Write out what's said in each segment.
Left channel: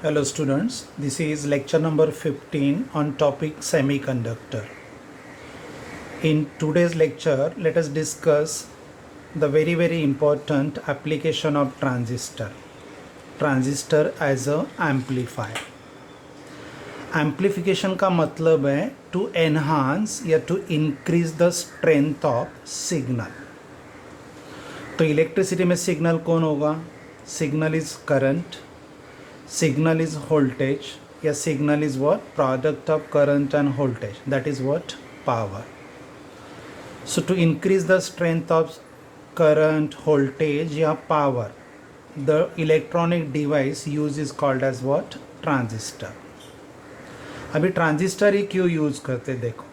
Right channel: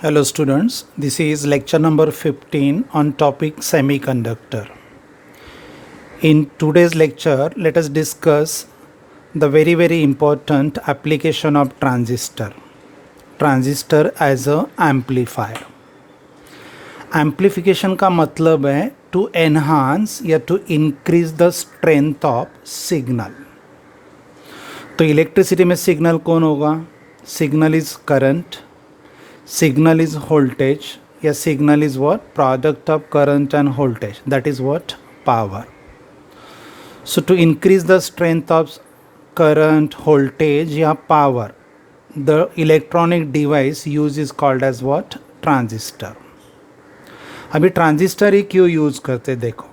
Hello students, this is lecture number 15 on topic semiconductor. In today's lecture, let us discuss the very important application of transistor. Transistor as a amplifier. Amplification का मतलब है to enhance या to increase the strength of signal. तो electricity में signal कौन होगा? Signal is current, signal is voltage, yeah, signal is what? Product of current and voltage, that is what? Power. So to increase the strength of current, voltage, yeah, power, the electronic device used is called as what? Transistor. अभी transistor ही क्यों use करते देखो.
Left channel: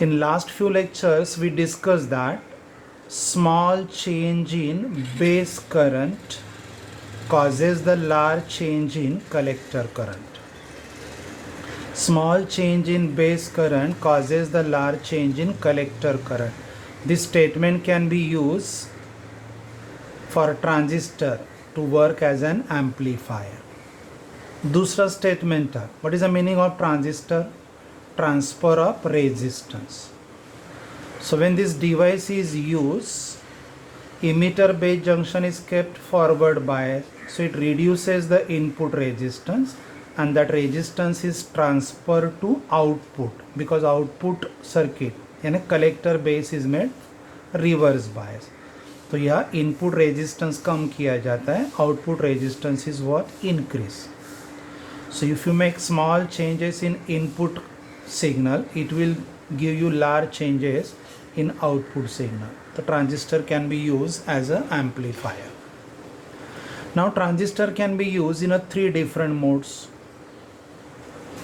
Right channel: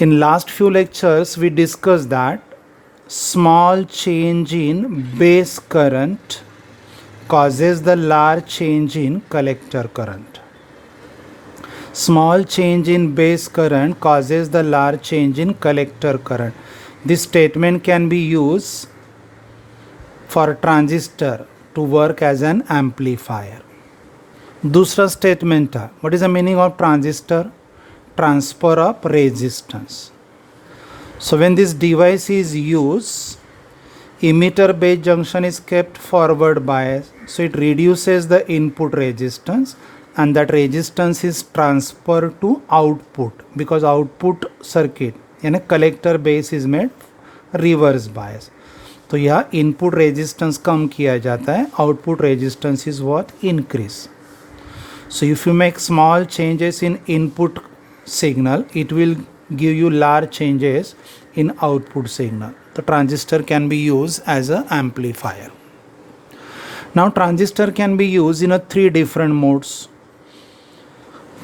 In last few lectures we discussed that small change in base current causes the large change in collector current. Small change in base current causes the large change in collector current. This statement can be used for transistor to work as an amplifier. दूसरा statement था, what is the meaning of transistor? Transfer of resistance. So when this device is used, emitter base junction is kept forward bias, so it reduces the input resistance and that resistance is transferred to output because output circuit यानी collector base is made reverse bias. तो यहाँ input resistance कम किया जाता है, output resistance is what? Increase. So if you make small changes in input signal, it will give you large changes in output signal. The transistor can be used as an amplifier. Now transistor can be used in a three different modes:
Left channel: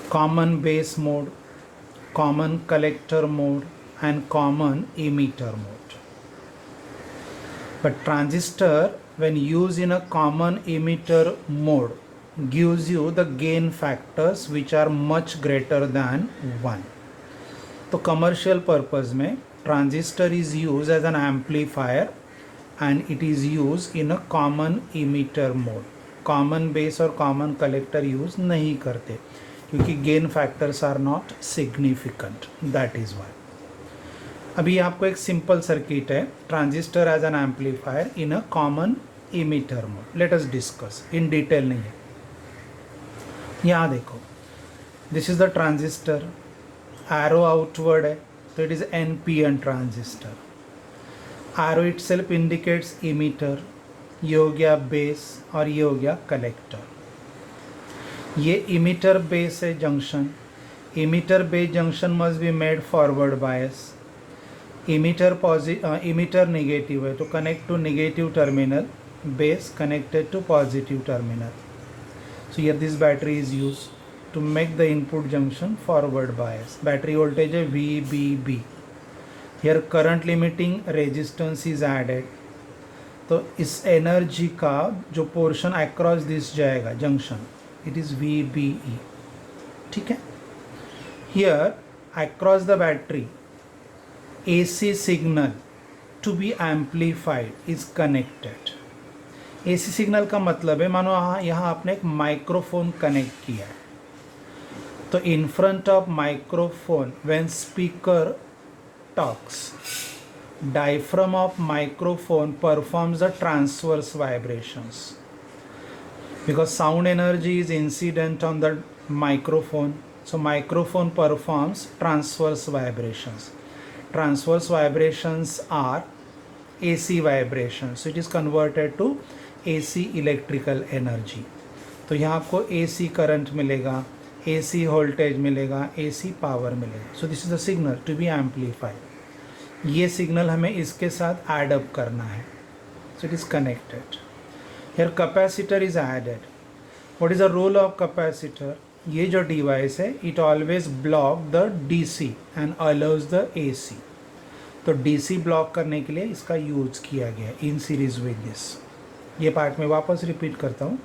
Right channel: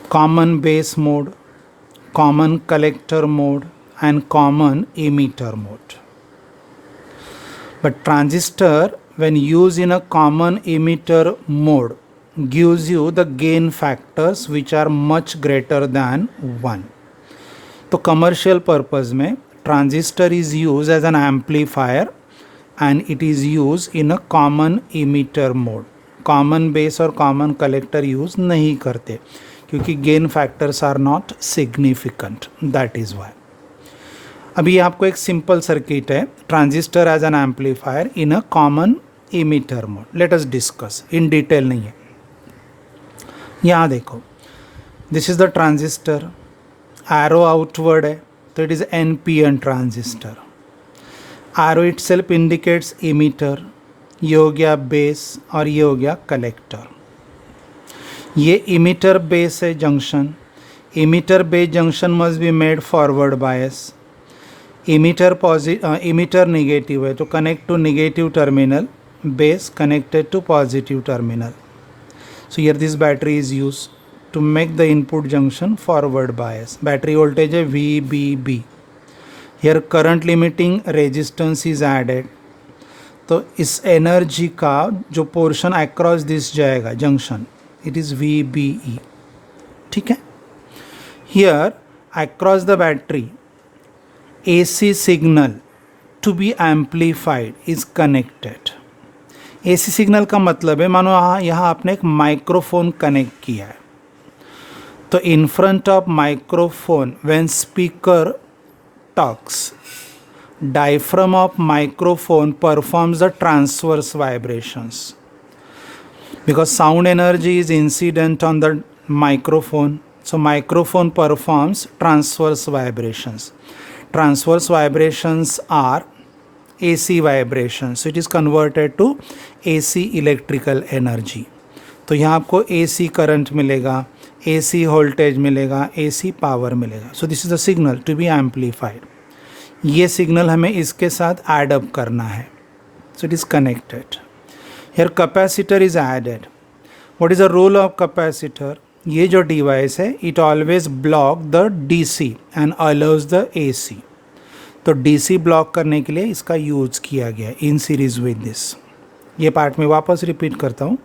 common base mode, common collector mode and common emitter mode. But transistor when used in a common emitter mode gives you the gain factors which are much greater than 1. तो commercial purpose में transistor is used as an amplifier and it is used in a common emitter mode. Common base और common collector use नहीं करते क्योंकि gain factors are not significant. That is why. अभी आपको एक simple circuit है, transistor as an amplifier in a common emitter mode. Let us discuss in detail नहीं है. यहाँ देखो, this is the transistor, arrow outward है, so it is NPN transistor. Arrow itself indicates emitter, ये हो गया base और ये हो गया collector. ये emitter base है junction. Emitter base junction must be made forward bias. Emitter negative है तो connect to negative terminal, base connected to positive terminal. So here this battery is used to make the input junction forward bias. Battery voltage है VBB. Here current limiting resistance is added. तो इस energy का जो portion across this जाएगा junction, it is VBE. ठीक है. Here across the battery AC signal to be amplified is connected. AC signal का मतलब है, मानो यहाँ आपने एक माइक्रोफोन कनेक्ट किया है, तो in front of microphone when speaker talks, diaphragm of microphone performs the transverse vibrations because sound energy is incident on the microphone, so microphone performs transverse vibrations. Transverse vibrations are AC vibrations, so it is converted to AC electrical energy. तो यहाँ आपको AC current मिलेगा, AC voltage मिलेगा, AC power मिलेगा. So this is the signal to be amplified. ये signal हमें इसके साथ ऐड अप करना है, so it is connected. Here capacitor is added. What is the role of capacitor? ये जो डिवाइस है it always block the DC and allows the AC. तो DC ब्लॉक करने के लिए इसका यूज किया गया इन सीरीज विद दिस. ये पार्ट में वापस रिपीट करता हूँ.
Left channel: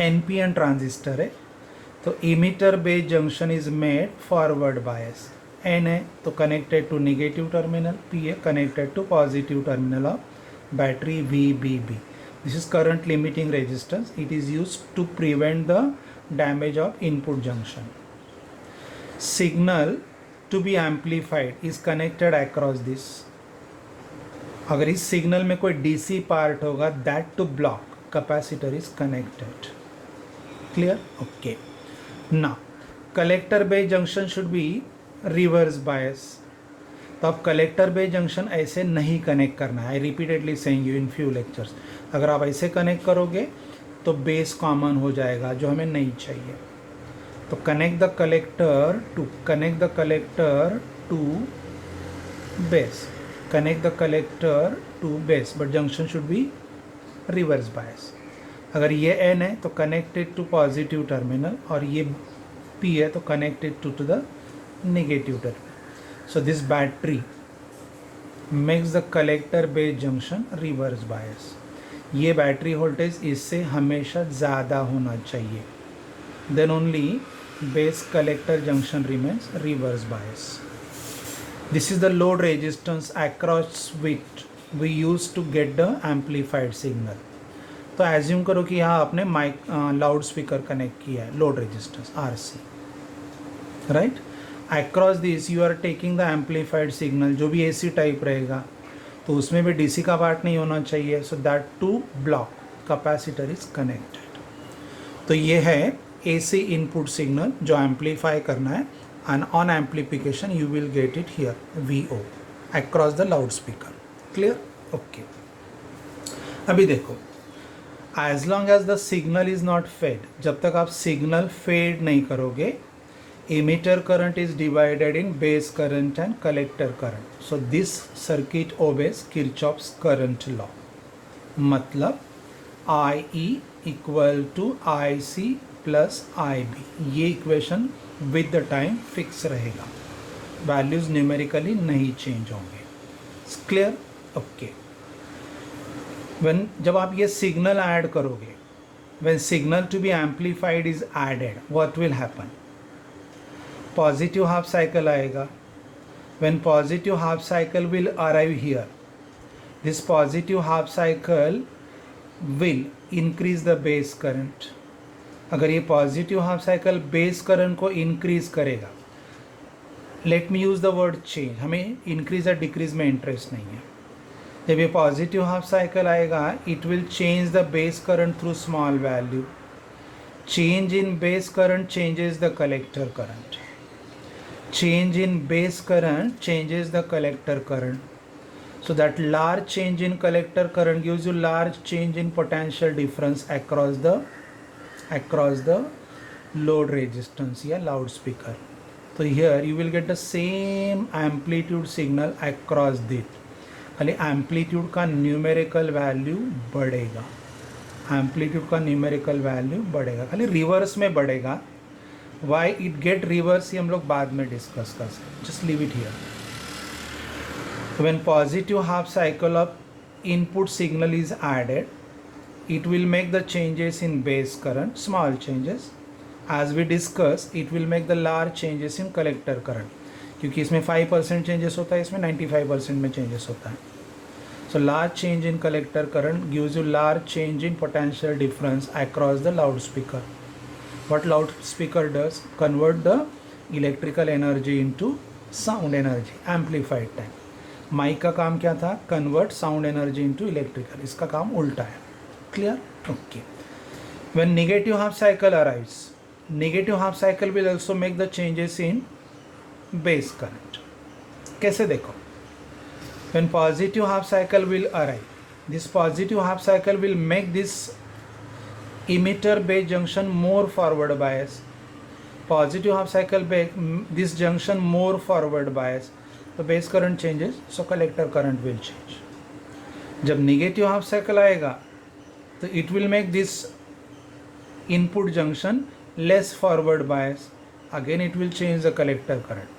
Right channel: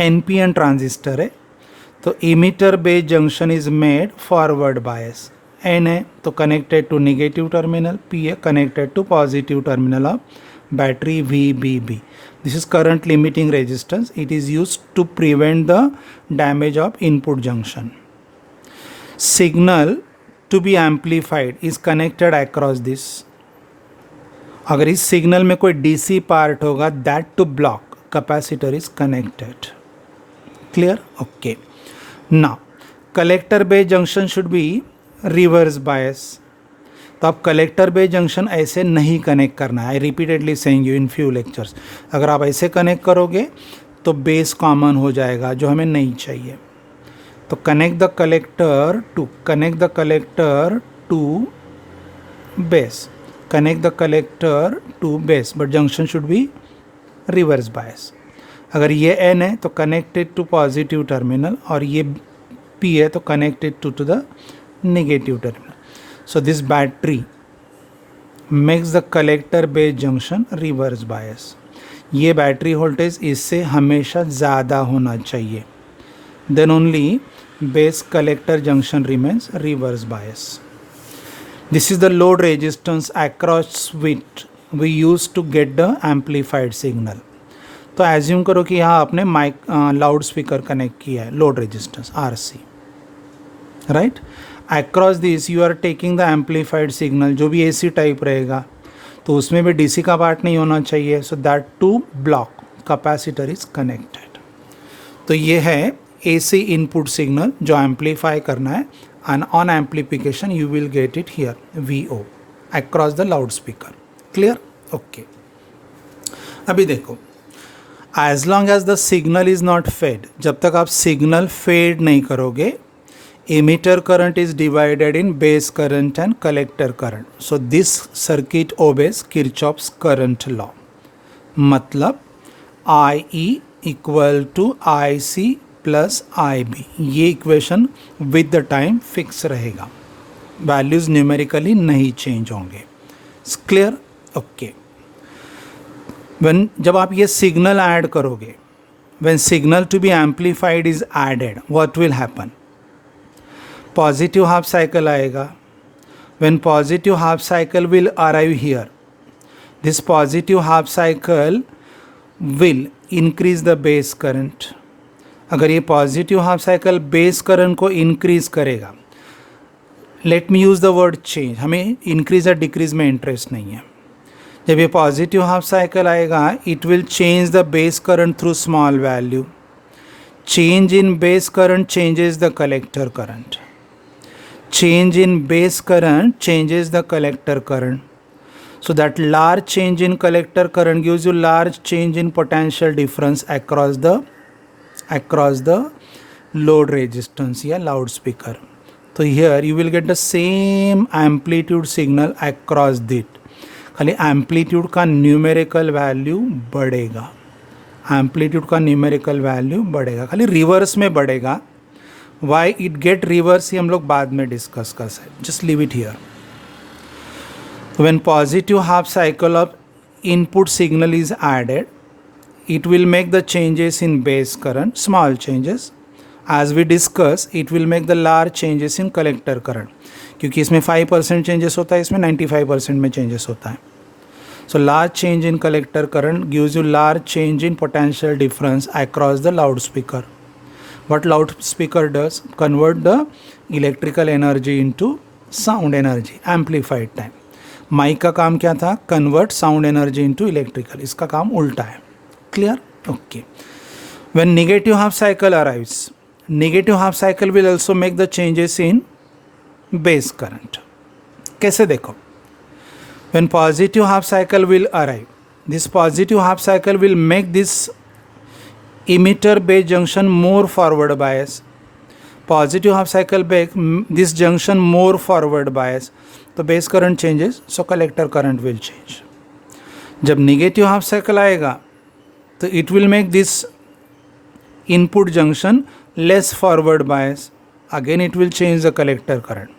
NPN ट्रांजिस्टर है तो emitter base junction is made forward bias. N है तो connected to negative terminal, P है connected to positive terminal of battery VBB. This is current limiting resistance. It is used to prevent the damage of input junction. Signal to be amplified is connected across this. अगर इस signal में कोई DC part होगा, that to block capacitor is connected. Clear? Okay. Now collector base junction should be reverse bias. तो आप collector base junction ऐसे नहीं connect करना है. I repeatedly saying you in few lectures. अगर आप ऐसे कनेक्ट करोगे तो बेस कॉमन हो जाएगा, जो हमें नहीं चाहिए. तो connect the collector to base, connect the collector to base, but junction should be reverse bias. अगर ये एन है तो कनेक्टेड टू पॉजिटिव टर्मिनल, और ये पी है तो connected to the negative terminal. So this battery makes the collector base junction reverse bias. ये battery voltage इससे हमेशा ज़्यादा होना चाहिए. Then only base collector junction remains reverse bias. This is the load resistance across which we use to get the amplified signal. तो assume करो कि यहाँ आपने माइक लाउड स्पीकर कनेक्ट किया है, load resistance RC, right. Across this you are taking the amplified signal, जो भी AC type रहेगा तो उसमें भी DC का पार्ट नहीं होना चाहिए. So that to block capacitor is connected. तो ये है AC इनपुट सिग्नल जो एम्पलीफाई करना है, and on amplification you will get it here VO across the loud speaker. Clear? Okay. अभी देखो, as long as the signal is not fed, जब तक आप सिग्नल फेड नहीं करोगे, emitter current is divided in base current and collector current. So this circuit obeys Kirchhoff's current law. मतलब IE equal to IC plus IB. ये equation with the time fix रहेगा, values numerically नहीं change होंगे. Clear? Okay. जब आप ये signal add करोगे, when signal to be amplified is added, what will happen? Positive half cycle आएगा. when positive half cycle will arrive here, this positive half cycle will increase the base current. अगर ये positive half cycle base current को increase करेगा, let me use the word change, हमें increase या decrease में interest नहीं है. जब ये पॉजिटिव हाफ साइकिल आएगा, it will change the base current through small value. Change in base current changes the collector current. Change in base current changes the collector current. So that large change in collector current gives you large change in potential difference across the load resistance या loudspeaker. So here you will get the same amplitude signal across it. खाली amplitude का numerical value बढ़ेगा, amplitude का numerical value बढ़ेगा, खाली reverse में बढ़ेगा. Why it get reverse ही हम लोग बाद में डिस्कस कर सकते. Just leave it here. When positive half cycle of input signal is added, it will make the changes in base current, small changes. As we discuss, it will make the large changes in collector current. क्योंकि इसमें 5% changes होता है, इसमें 95% में changes होता है. So large change in collector current gives you large change in potential difference across the loudspeaker. What loudspeaker does? Convert the electrical energy into sound energy, amplified time. Mic का काम क्या था? Convert sound energy into electrical. इसका काम उल्टा है. Clear? Okay. When negative half cycle arrives, negative half cycle will also make the changes in base current. कैसे देखो? When positive half cycle will arrive, this positive half cycle will make this emitter base junction more forward bias. Positive half cycle make this junction more forward bias. तो base current changes, so collector current will change. जब negative half cycle आएगा तो it will make this input junction less forward bias. Again it will change the collector current.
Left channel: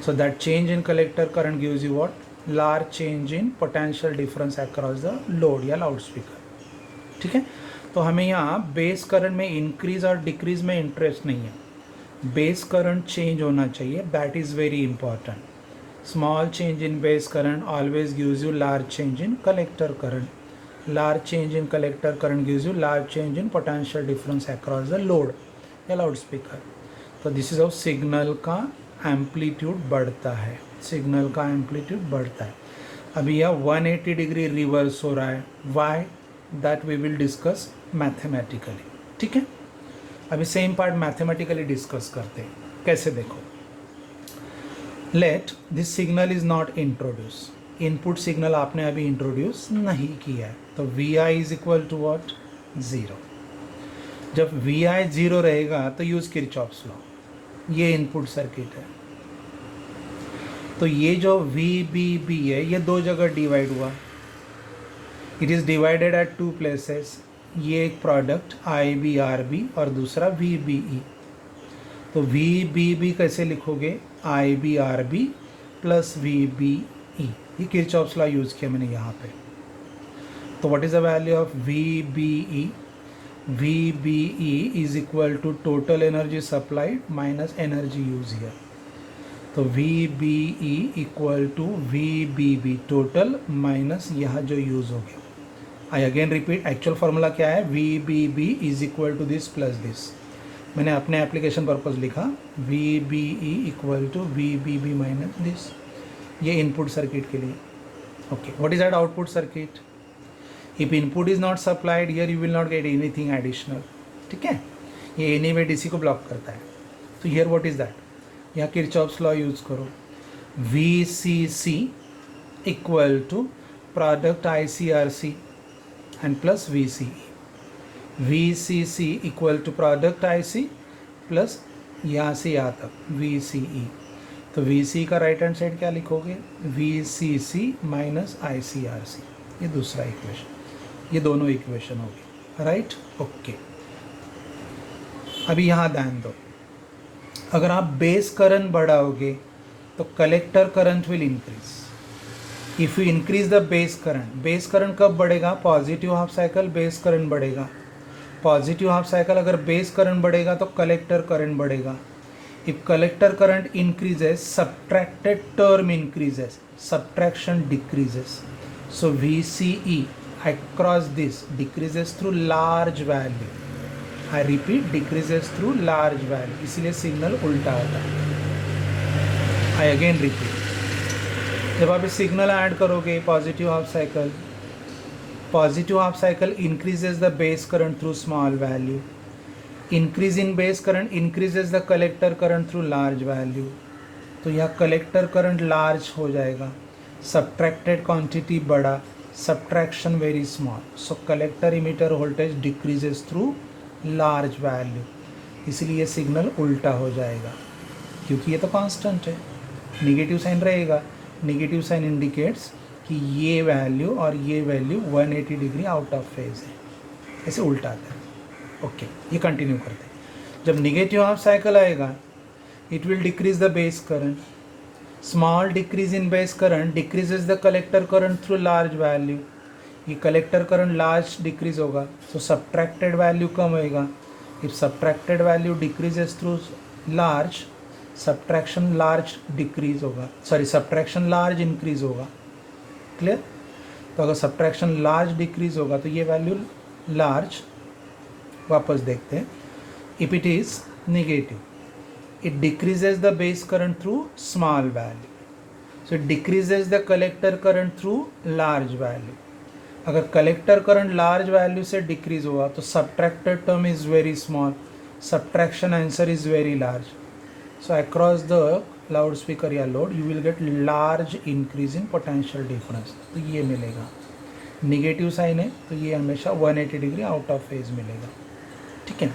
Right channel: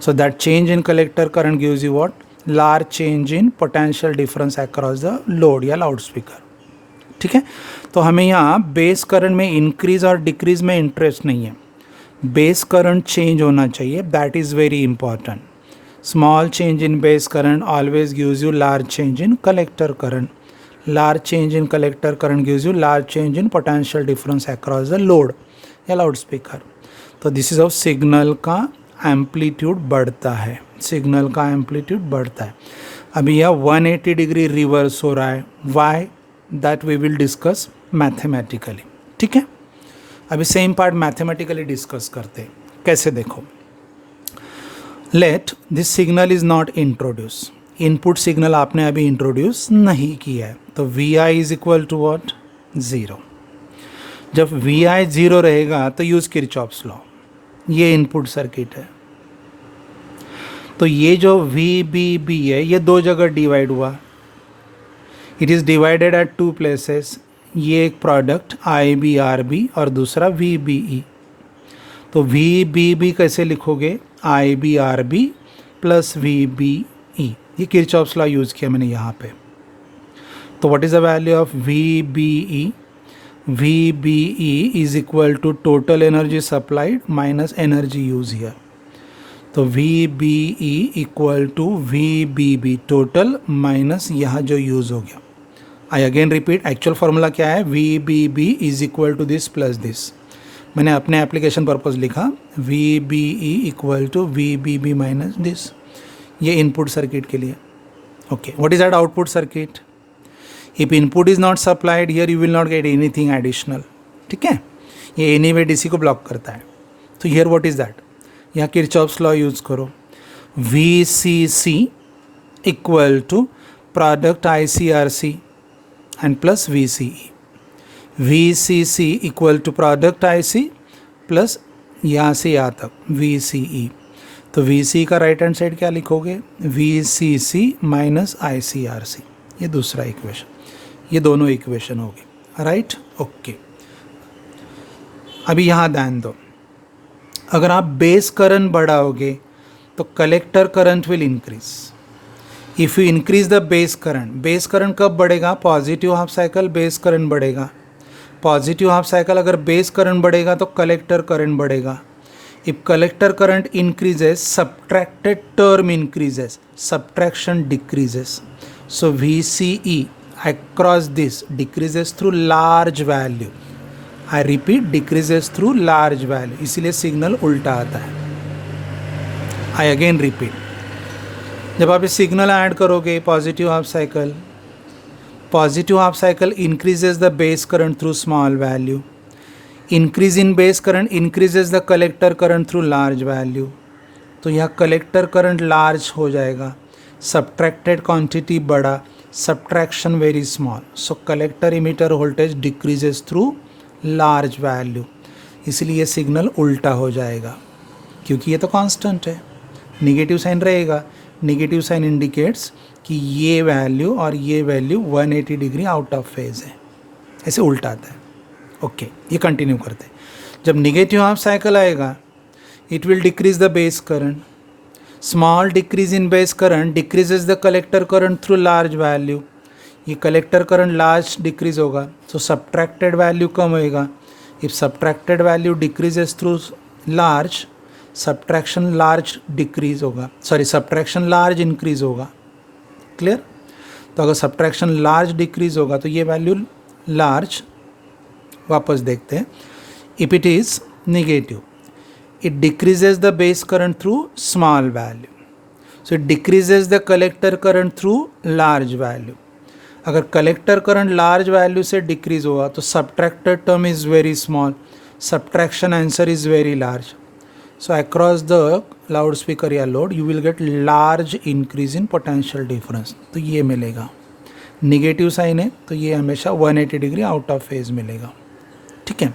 So that change in collector current gives you what? Large change in potential difference across the load या loudspeaker. ठीक है. तो हमें यहाँ base current में increase और decrease में interest नहीं है, बेस करंट चेंज होना चाहिए. That is very important. Small change in base current always gives you large change in collector current. Large change in collector current gives you large change in potential difference across the load या loud speaker. तो this is of signal का amplitude बढ़ता है, signal का amplitude बढ़ता है. अभी यह 180 डिग्री रिवर्स हो रहा है. Why? That we will discuss mathematically. ठीक है, अभी सेम पार्ट मैथमेटिकली डिस्कस करते हैं. कैसे देखो, let this signal is not introduce. Input signal आपने अभी इंट्रोड्यूस नहीं किया है, तो V I is equal to what? 0. जब वी आई 0 रहेगा तो यूज किरचॉफ्स लॉ. ये इनपुट सर्किट है, तो ये जो वी बी बी है ये दो जगह डिवाइड हुआ. It is divided at 2 places. ये एक product I B R B और दूसरा वी बी ई. तो वी बी बी कैसे लिखोगे? I B R B plus V B E. ये किरचॉफ्स लॉ यूज़ किया मैंने यहाँ पे. तो what is the value of V B E? V B E is equal to total energy supplied minus energy use here. तो V B E equal to V B B total minus यहाँ जो use हो गया. I again repeat, actual formula क्या है? V B B is equal to this plus this. मैंने अपने application purpose लिखा V B E equal to V B B minus this. ये इनपुट सर्किट के लिए. Okay, what is that output circuit? If input is not supplied here you will not get anything additional. ठीक है, ये anyway DC को block करता है. तो हियर व्हाट इज दैट? यहाँ किरचॉफ्स लॉ यूज़ करो. V C C equal to product I C R C and plus V C E. V C C equal to product I C plus यहाँ से यहाँ तक we C ई. तो we सी का right hand side क्या लिखोगे? V C C minus I C R C. ये दूसरा इक्वेशन. ये दोनों इक्वेशन होगी. Right, okay. अभी यहाँ ध्यान दो, अगर आप बेस करंट बढ़ाओगे तो collector current will increase. If you increase the base current कब बढ़ेगा? Positive half cycle base current बढ़ेगा. पॉजिटिव हाफ साइकिल अगर बेस करंट बढ़ेगा तो कलेक्टर करंट बढ़ेगा. If collector current increases subtracted term increases, subtraction decreases. So V C E across this decreases through large value. I repeat, decreases through large value. इसीलिए signal उल्टा आता है. I again repeat, जब आप इस signal add करोगे positive half cycle increases the base current through small value. Increase in base current increases the collector current through large value. तो यह कलेक्टर करंट लार्ज हो जाएगा, सब्ट्रैक्टेड क्वांटिटी बड़ा, subtraction very small. So collector emitter voltage decreases through large value. इसलिए signal उल्टा हो जाएगा, क्योंकि ये तो कांस्टेंट है. नेगेटिव साइन रहेगा. नेगेटिव साइन इंडिकेट्स कि ये वैल्यू और ये value 180 degree out of phase है. ऐसे उल्टा आता है. ओके, ये कंटिन्यू करते हैं. जब नेगेटिव हाफ साइकिल आएगा it will decrease the base current. Small decrease in base current decreases the collector current through large value. ये कलेक्टर करंट लार्ज डिक्रीज होगा, तो सब्ट्रैक्टेड वैल्यू कम होएगा. If subtracted value decreases through large, subtraction large decrease होगा, sorry subtraction large increase होगा. Clear? तो अगर subtraction large decrease होगा तो ये वैल्यू लार्ज. वापस देखते हैं. If it is negative, it decreases the base current through small value. So it decreases the collector current through large value. अगर collector current large value से decrease होगा तो subtracted term is very small, subtraction answer is very large. So across the loudspeaker या load you will get large increase in potential difference. तो ये मिलेगा. Negative sign है तो ये हमेशा 180 डिग्री आउट ऑफ फेज मिलेगा. ठीक है,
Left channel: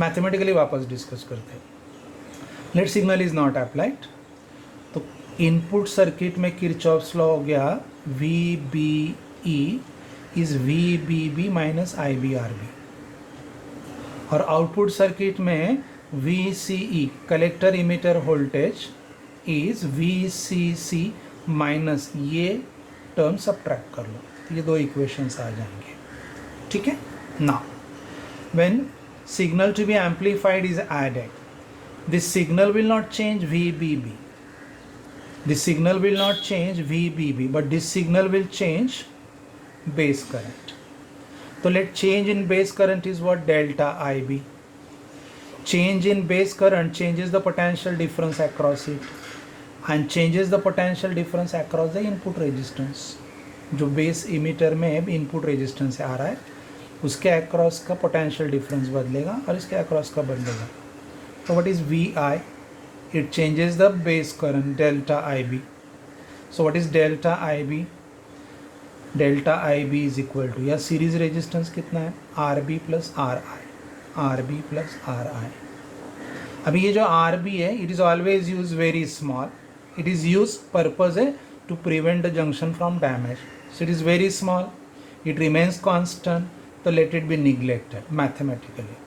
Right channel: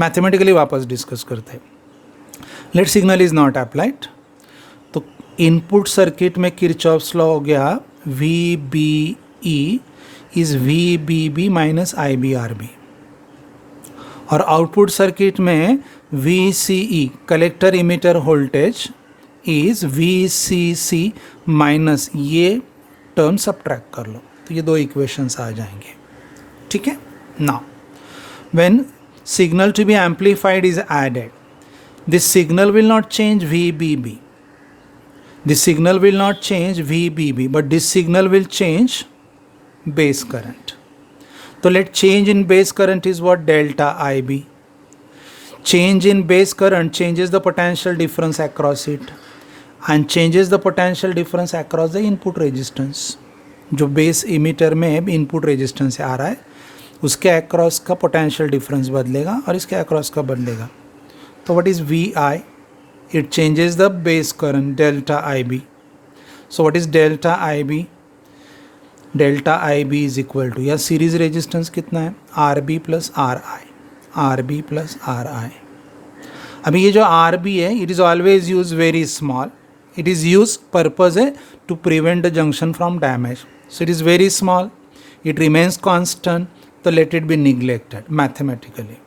मैथमेटिकली वापस डिस्कस करते हैं. Let signal is not applied, तो इनपुट सर्किट में किरचॉफ्स लॉ हो गया V B E is V B B minus I B R B. और आउटपुट सर्किट में V C E collector emitter voltage is V C C minus, ये term subtract कर लो तो ये दो इक्वेशंस आ जाएंगे. ठीक है ना. When signal to be amplified is added, this signal will not change VBB. This signal will not change VBB, but this signal will change base current. तो let change in base current is what? Delta IB. Change in base current changes the potential difference across it and changes the potential difference across the input resistance. जो base emitter में input resistance आ रहा है उसके across का potential difference बदलेगा और इसके across का बदलेगा. तो what is V I? It changes the base current delta I B. So what is delta I B? Delta I B is equal to, या सीरीज रेजिस्टेंस कितना है? R B plus R I, R B plus R I. अभी ये जो R B है it is always use very small. It is use purpose है to prevent the junction from damage. So it is very small, it remains constant, so let it be neglected mathematically.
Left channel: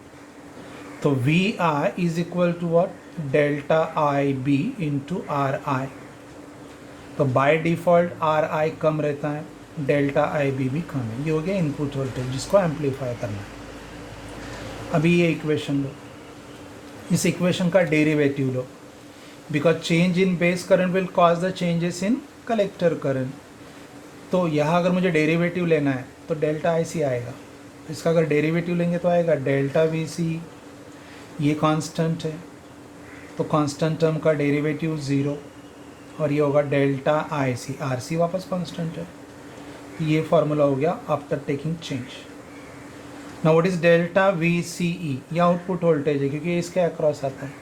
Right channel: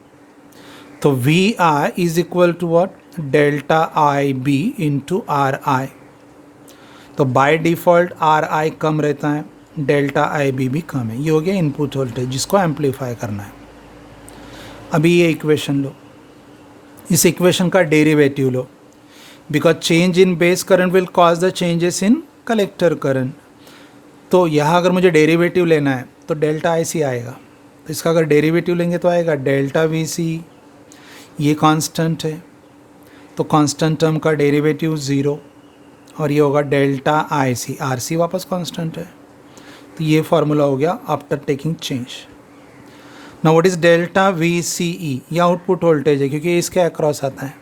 So VI is equal to what? Delta IB into RI. तो by default RI कम रहता है, delta IB भी कम है. ये हो गया input voltage जिसको amplify करना है. अभी ये इक्वेशन लो, इस इक्वेशन का derivative low, because change in base current will cause the changes in collector current. तो यहाँ अगर मुझे डेरिवेटिव लेना है तो डेल्टा आई सी आएगा. तो इसका अगर डेरिवेटिव लेंगे तो आएगा डेल्टा वी सी. ये कांस्टेंट है तो कांस्टेंट टर्म का डेरिवेटिव 0 और ये होगा डेल्टा आई सी. आर सी वापस कांस्टेंट है. तो ये फार्मूला हो गया after taking change. Now what is delta V C E? ये आउटपुट वोल्टेज है क्योंकि इसके अक्रॉस आता है.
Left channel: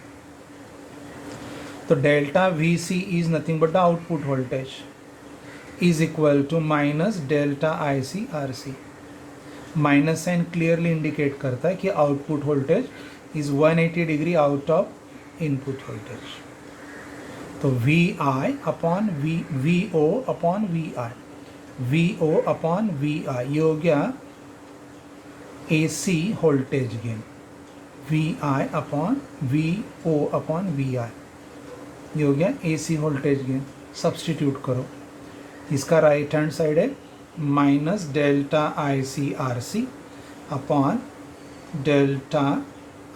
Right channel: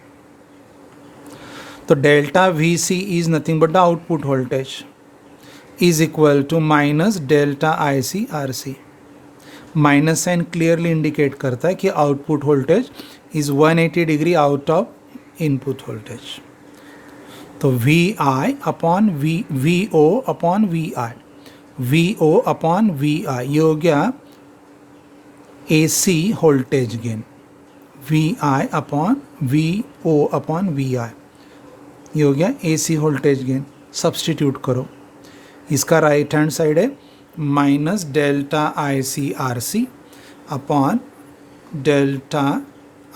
तो delta V C is nothing but the output voltage is equal to minus delta IC RC. Minus sign clearly indicate करता है कि output voltage is 180 degree out of input voltage. तो V I upon V O upon V I, V O upon V I, ये हो गया A C voltage gain. V I upon V O upon V I, ये हो गया A C voltage gain. Substitute करो, इसका right hand side है minus delta I C R C upon delta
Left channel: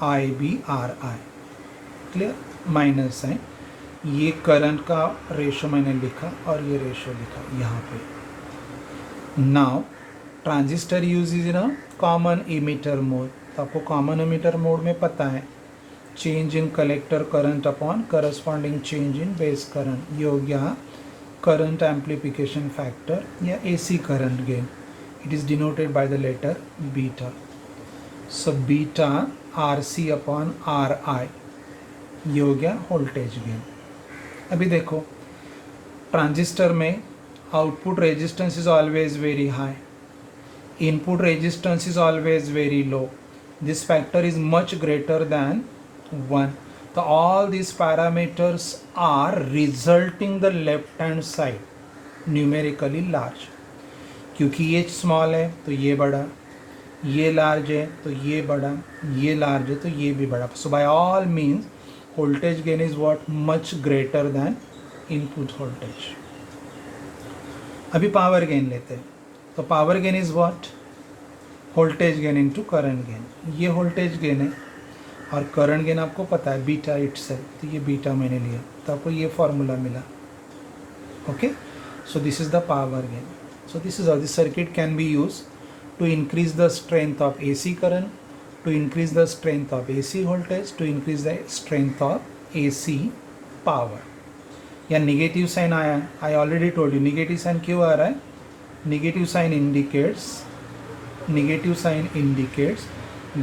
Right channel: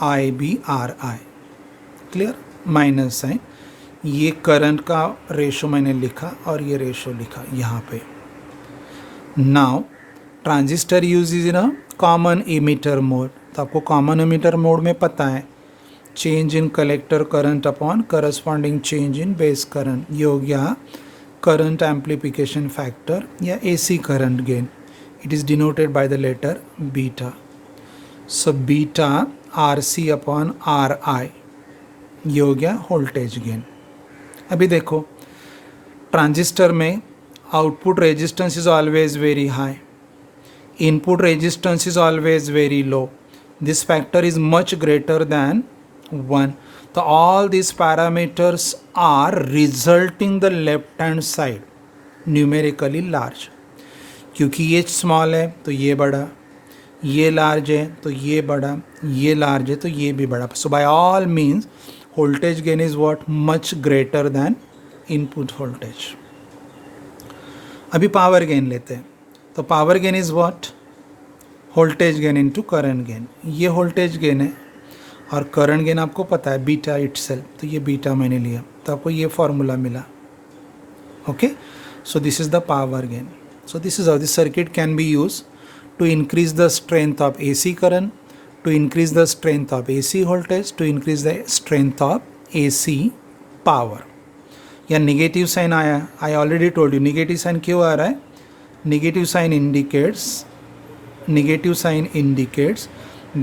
I B R I. Clear? Minus sign. ये current का ratio मैंने लिखा और ये रेशो लिखा यहाँ पे. Now transistor use in a common emitter mode. तो आपको कॉमन इमीटर मोड में पता है change in collector current upon corresponding change in base current. ये हो गया current amplification factor या AC current gain. It is denoted by the letter beta. So beta RC upon RI, ये हो गया voltage gain. अभी देखो ट्रांजिस्टर में output resistance is always very high, input resistance is always very low. This factor is much greater then 1. तो all these parameters are resulting the left hand side numerically large. क्योंकि ये small है तो ये बड़ा, ये large है तो ये बड़ा, ये लार्ज है तो ये भी बड़ा. So by all means voltage gain is what? Much greater than input voltage. अभी पावर गेन लेते हैं. तो power gain is what? Voltage gain into current gain. ये वोल्टेज गेन है और करंट गेन आपको पता है बीटा इटसेल्फ. तो ये बीटा मैंने लिया तो आपको ये फॉर्मूला मिला. Okay, so this is the power gain. So this is how this circuit can be use to increase the strength of AC current, to increase the strength of AC voltage, to increase the strength of AC power. या negative sign आया, I already told you negative sign क्यों आ रहा है. Negative sign indicates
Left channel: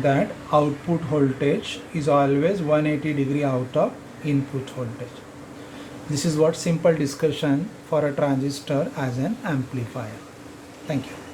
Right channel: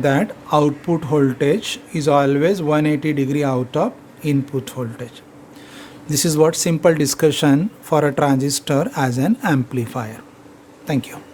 that output voltage is always 180 degree out of input voltage. This is what simple discussion for a transistor as an amplifier. Thank you.